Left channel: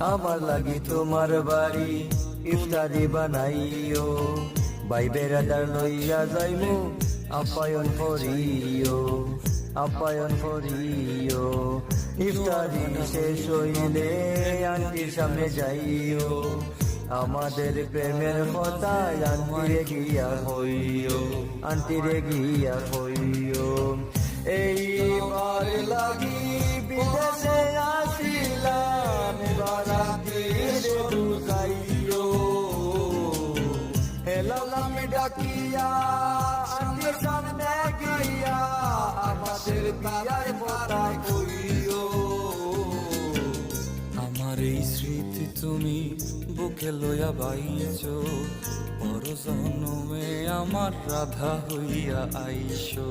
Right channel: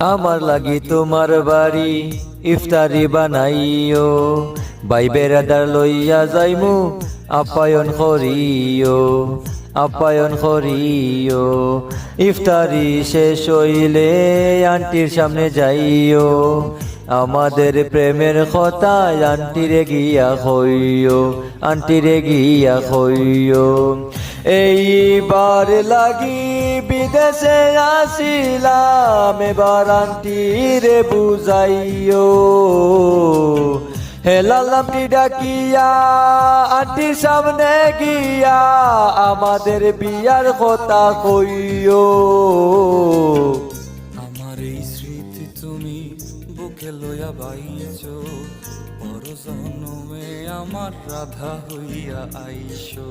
আমার লাগি তোমার বাড়ি ইফতারি বানাইও, ভাই বেড়াদার লইয়া যাইমু আপ্যায়ন করিও, আপ্যায়ন করিও। ইফতারি শেষ হইলে আন্টির সামনে যাইও, আমাদের প্রেমের কথা আন্টিরে গিয়া কইও, আন্টিরে গিয়া কইও। এইবার লাগি বিদেশে আসিলাম, এবার আন্টিরে বুঝাইও। হেলালামনি ডাকিয়া আন্টির সামনে গিয়া আমাদের বিয়ার কথা কইও। আমার এই স্মৃতি তুমি বুকে লইয়া বাইছো, পর জন্মে আমার রাধা হইয়া আইছো।